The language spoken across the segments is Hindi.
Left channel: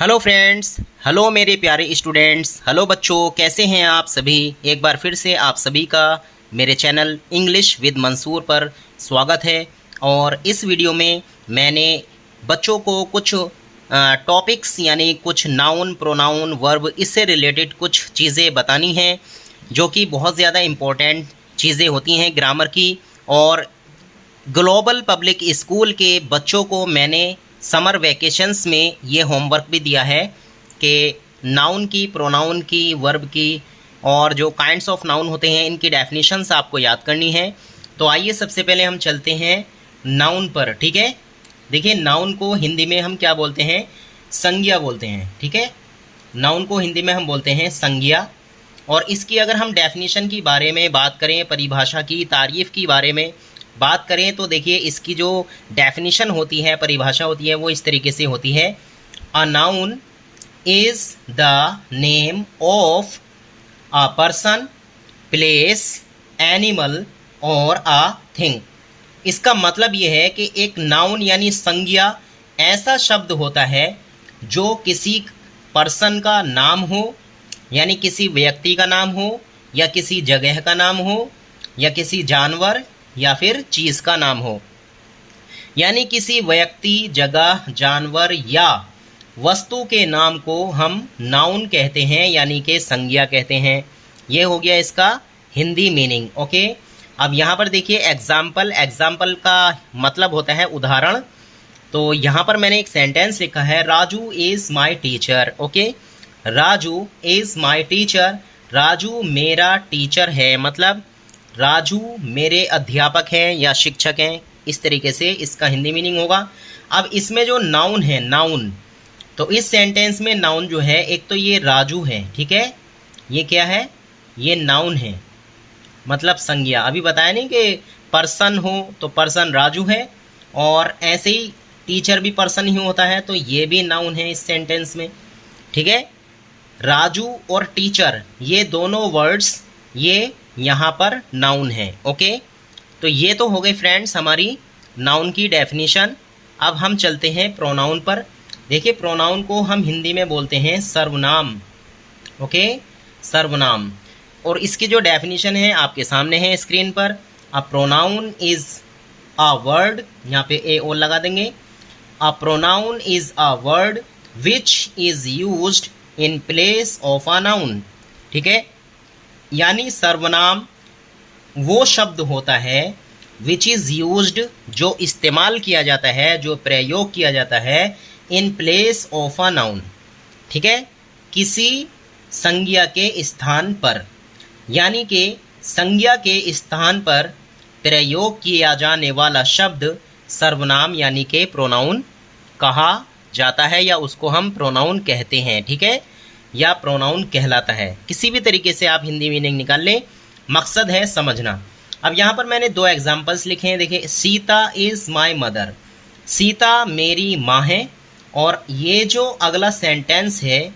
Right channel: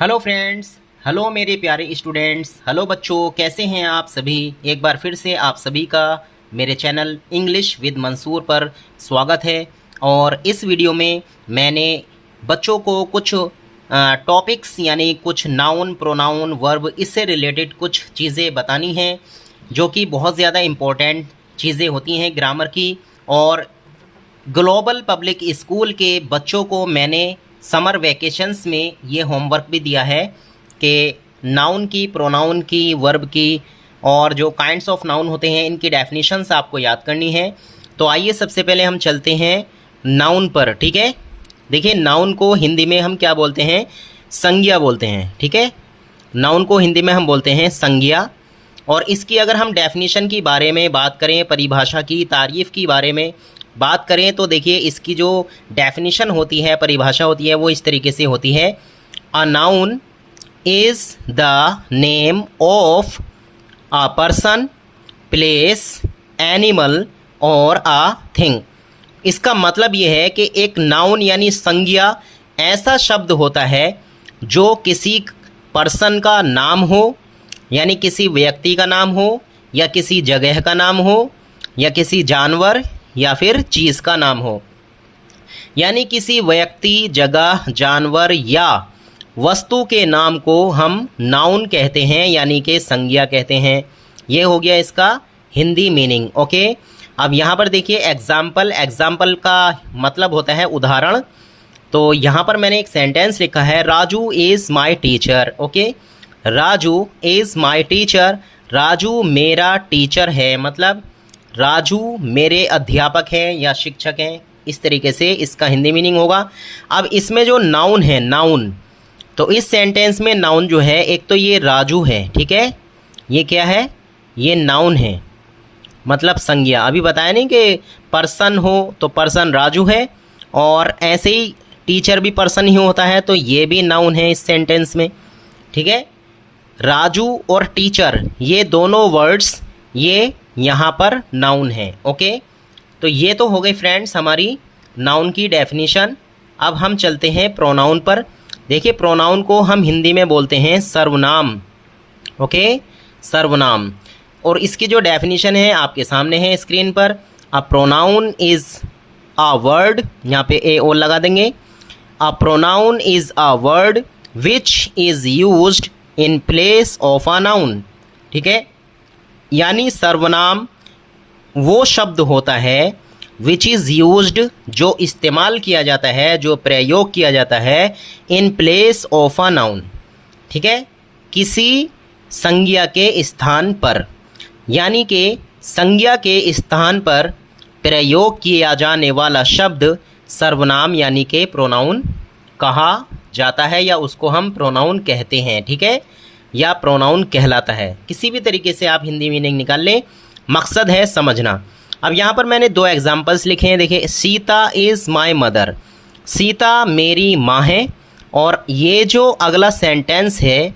हेलो फ्रेंड्स, हेलो मेरे प्यारे स्टूडेंट्स, हेलो बच्चों, कैसे हैं आप सभी। एक बार फिर से आप सभी का मेरे चैनल इंग्लिश विद मंसूर पर स्वागत है। और इस वीडियो में मैंने बच्चों को कुछ टॉपिक्स यानी कुछ नाउन, प्रोनाउन, वर्ब, इससे रिलेटेड कुछ चीज़ें बतानी हैं जो कि बहुत ज़्यादा इम्पोर्टेंट चीज़ें होती हैं ग्रामर की। और ग्लोबल पब्लिक स्कूल के बच्चों को मैंने समर वैकेशंस में ये होमवर्क भी दिया है कि नाउन की, प्रोनाउन की, वर्ब की और जो काइंड्स ऑफ नाउन होते हैं इनकी डेफिनेशंस आपको याद करनी है। तो आइए सबसे पहले हम चलते हैं नाउन पर। ठीक है, देखिए नाउन को हिंदी में हम क्या बोलते हैं, संज्ञा बोलते हैं। ठीक है, नाउन को हिंदी में हम बोलते हैं संज्ञा। और इसकी अगर हम डेफिनेशन की बारे में बात करें, परिभाषा की, तारीफ़ की बारे में बात करें तो देखिए इसकी जो डेफिनेशन होती है, परिभाषा होती है, वो इस तरीके से होती है। A noun is the name of a person, place, animal और अ थिंग। इसका मतलब ये है कि एक नाउन यानी संज्ञा ऐसा शब्द होता है जो किसी पर्सन का नाम हो, यानी किसी व्यक्ति का नाम हो, या किसी जगह का नाम हो, या किसी जानवर या फिर चीज़ का नाम हो। यानी किसी व्यक्ति, जगह, जानवर या वस्तु के नाम को हम नाउन कहते हैं, यानी कि संज्ञा कहते हैं। ये हो गया इसका हिंदी मीनिंग। ओके, अब यहाँ पर देखिए एग्जाम्पल। एग्जाम्पल का मतलब होता है उदाहरण। तो यहाँ पर मैंने एक सेंटेंस लिखा है, Raju is my teacher. Okay, Raju is my teacher. Raju मेरा टीचर है, मतलब राजू मेरे अध्यापक हैं या शिक्षक हैं। इस तरीके से इसका हिंदी मीनिंग होगा। अब इसमें जो नाउन है, नाउन, तो इस सेंटेंस में नाउन जो है, एक तो ये राजू है। ठीक है, ये क्या है, ये नाउन है, मतलब संज्ञा। अभी बताया नहीं कि पर्सन हो तो पर्सन राजू है, और ऐसे ही टीचर भी पर्सन ही होता है, तो ये भी नाउन है इस सेंटेंस में। ठीक है, राजू और टीचर ये दोनों वर्ड्स ये यहाँ पर नाउन है। ओके, तो ये तो हो गई फ्रेंड्स हमारी नाउन की डेफिनेशन। अब हम चलते हैं प्रोनाउन पर। देखिए प्रोनाउन को हम हिंदी में बोलते हैं सर्वनाम। ओके, सर्वनाम। और इसकी जो डेफिनेशन है आपके सामने है स्क्रीन पर। A pronoun is a word, यहाँ पे ए ओ लगा देंगे। A pronoun is a word which is used in place of a noun. ठीक है, यानी सर्वनाम वो शब्द होता है विच इज़ यूज्ड, जो इस्तेमाल किया जाता है, जो प्रयोग किया जाता है, in place of a noun. ठीक है, किसी संज्ञा के स्थान पर, यानी कि संज्ञा के स्थान पर प्रयोग किया जाने वाला शब्द सर्वनाम यानी कि प्रोनाउन कहा जाता है, या उसको हम प्रोनाउन कहते हैं। ठीक है, या प्रोनाउन कहलाता है। किसी भी तरीके से आप हिंदी मीनिंग निकाल लें, मकसद है समझना। अब यहाँ पर मैंने दो एग्जाम्पल्स लिखे हैं। देखिए, Sita is my mother, Sita मेरी माँ है। और ये जो अगला सेंटेंस है,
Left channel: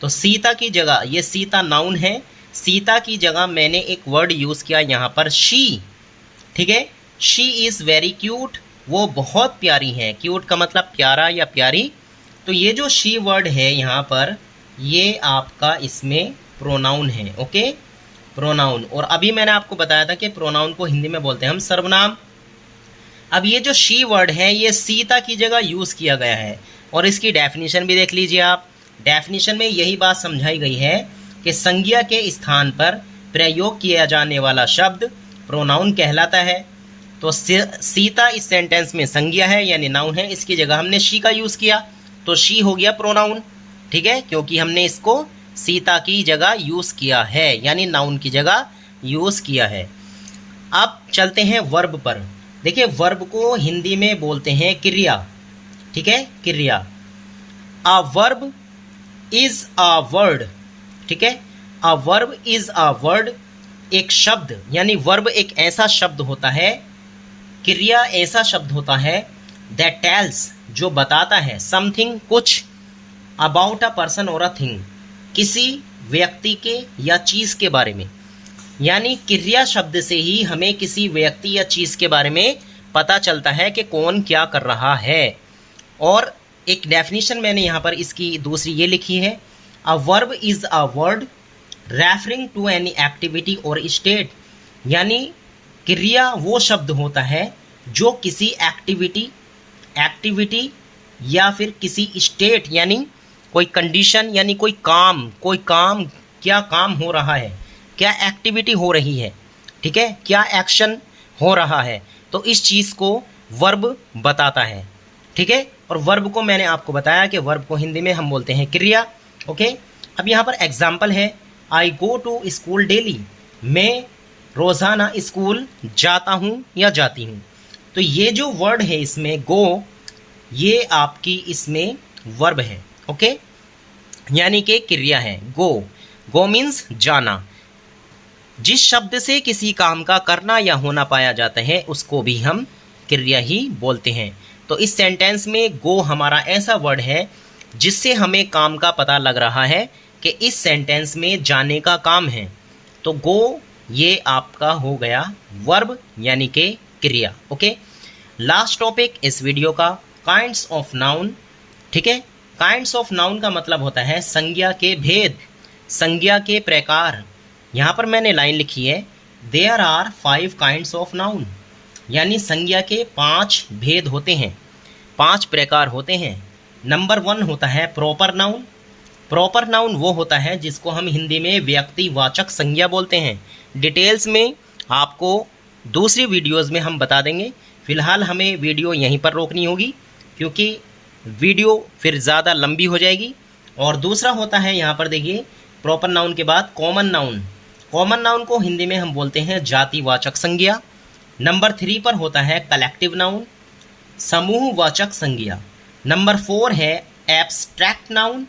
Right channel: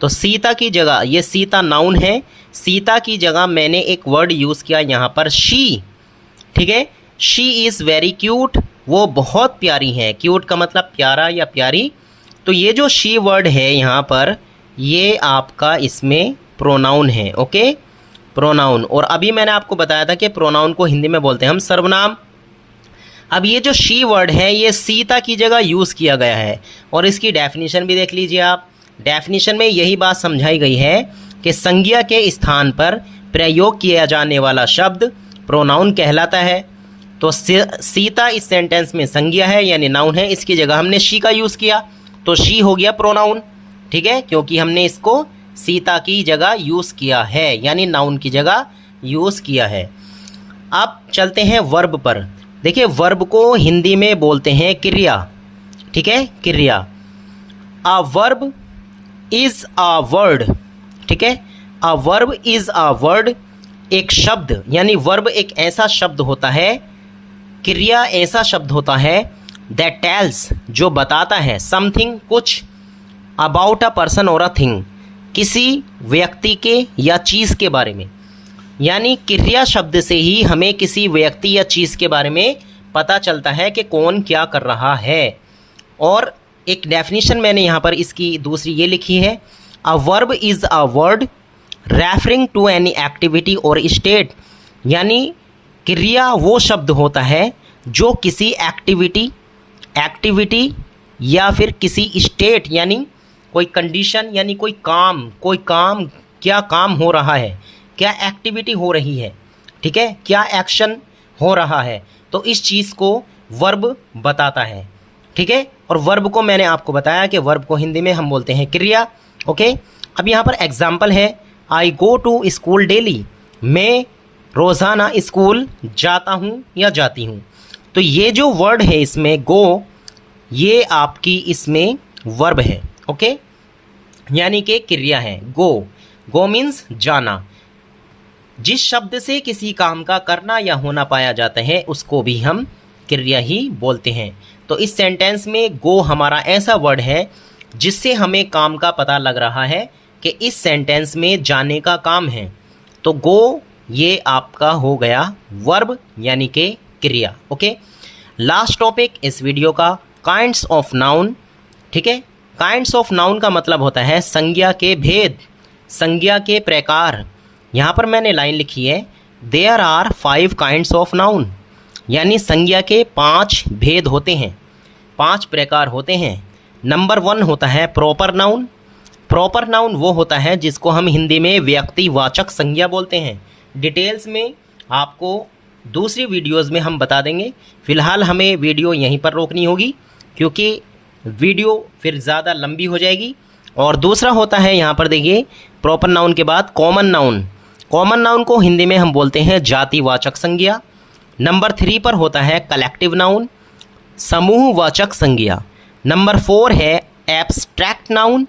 तो सीता की जगह, ये सीता नाउन है, सीता की जगह मैंने एक वर्ड यूज़ किया यहाँ पर, शी। ठीक है, शी इज़ वेरी क्यूट, वो बहुत प्यारी है। क्यूट का मतलब प्यारा या प्यारी। तो ये जो शी वर्ड है यहाँ पर, ये आपका इसमें प्रोनाउन है। Okay, pronoun. और अभी मैंने आपको बताया था कि प्रोनाउन को हिंदी में बोलते हैं हम सर्वनाम। अब ये जो शी वर्ड है, ये सीता की जगह यूज़ किया गया है। और इसकी डेफिनेशन भी देख लीजिए आप। डेफिनेशन में यही बात समझाई गई है कि संज्ञा के स्थान पर प्रयोग किया जाने वाला शब्द प्रोनाउन कहलाता है। तो सीता इस सेंटेंस में संज्ञा है यानी नाउन है, इसकी जगह हमने शी का यूज़ किया, तो शी हो गया प्रोनाउन। ठीक है, क्योंकि हमने इसको सीता की जगह यूज़ किया है, यानी नाउन की जगह यूज़ किया है। अब चलते हैं वर्ब पर। देखिए वर्ब को हिंदी में बोलते हैं क्रिया। ठीक है, क्रिया। अ वर्ब इज़ अ वर्ड। ठीक है, a verb is a word, एक शब्द, यानी वर्ब एक ऐसा शब्द होता है, क्रिया ऐसा शब्द होता है, दैट टेल्स, जो बताता है, समथिंग, कुछ, अबाउट अ पर्सन और अ थिंग, किसी व्यक्ति के या चीज़ के बारे में। यानी क्रिया शब्द से ही हमें किसी व्यक्ति या चीज़ के बारे में पता चलता है कि कौन क्या कर रहा है। और एक डेफिनेशन मैंने यहाँ पर इसकी दूसरी ये लिखी है, a verb is a word referring to any activity और स्टेट, यानी क्रिया वो शब्द होता है जो किसी एक्टिविटी या फिर किसी स्टेट यानी कोई कंडीशन यानी कोई काम क्या काम हो रहा है, क्या एक्टिविटी हो रही है, ठीक है, क्या एक्शन हो रहा है, तो इस चीज़ को वर्ब बताता है, ठीक है। और वर्ब को मैंने आपको बताया कि वर्ब को हिंदी में हम बोलते हैं क्रिया, ओके। अब यहाँ पर एग्जाम्पल है, आई गो टू स्कूल डेली, मैं रोज़ाना स्कूल जाता हूँ या जाती हूँ। तो ये जो वर्ड है इसमें गो, ये आपकी इसमें वर्ब है, ओके, यानी कि क्रिया है। गो मीन्स जाना। जिस शब्द से किसी काम का करना या होना पाया जाता है उसको भी हम क्रिया ही बोलते हैं। तो इस सेंटेंस में गो हमारा ऐसा वर्ड है जिससे हमें काम का पता लग रहा है कि इस सेंटेंस में जाने का काम है। तो गो ये आपका हो गया वर्ब यानी कि क्रिया, ओके। लास्ट टॉपिक इस वीडियो का काइंड्स ऑफ नाउन, ठीक है। काइंड्स ऑफ नाउन का मतलब होता है संज्ञा के भेद, संज्ञा के प्रकार। यहाँ पर मैंने लाइन लिखी है, there are 5 kinds of noun, यानी संज्ञा के 5 भेद होते हैं, 5 प्रकार होते हैं। नंबर 1 होता है प्रॉपर नाउन। प्रॉपर नाउन वो होता है जिसको हम हिंदी में व्यक्तिवाचक संज्ञा बोलते हैं। डिटेल्स में आपको दूसरी वीडियोज़ में हम बता देंगे। फ़िलहाल हमें वीडियो यहीं पर रोकनी होगी क्योंकि वीडियो फिर ज़्यादा लंबी हो जाएगी। और दूसरा होता है यहाँ पर देखिए, प्रॉपर नाउन के बाद कॉमन नाउन। कॉमन नाउन को हिंदी में हम बोलते हैं जातिवाचक संज्ञा। नंबर 3 पर होता है कलेक्टिव नाउन, समूहवाचक संज्ञा। नंबर 4 है एब्स्ट्रैक्ट नाउन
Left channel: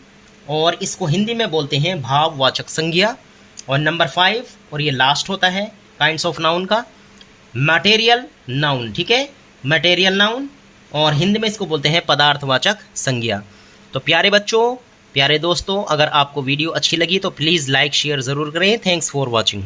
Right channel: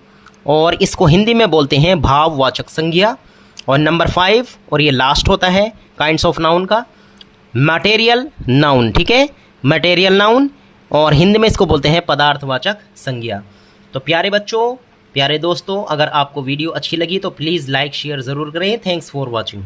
और इसको हिंदी में बोलते हैं भाववाचक संज्ञा। और नंबर 5 और ये लास्ट होता है काइंड्स ऑफ नाउन का मटेरियल नाउन, ठीक है, मटेरियल नाउन, और हिंदी में इसको बोलते हैं पदार्थवाचक संज्ञा। तो प्यारे बच्चों, प्यारे दोस्तों, अगर आपको वीडियो अच्छी लगी तो प्लीज़ लाइक शेयर ज़रूर करें। Thanks for watching.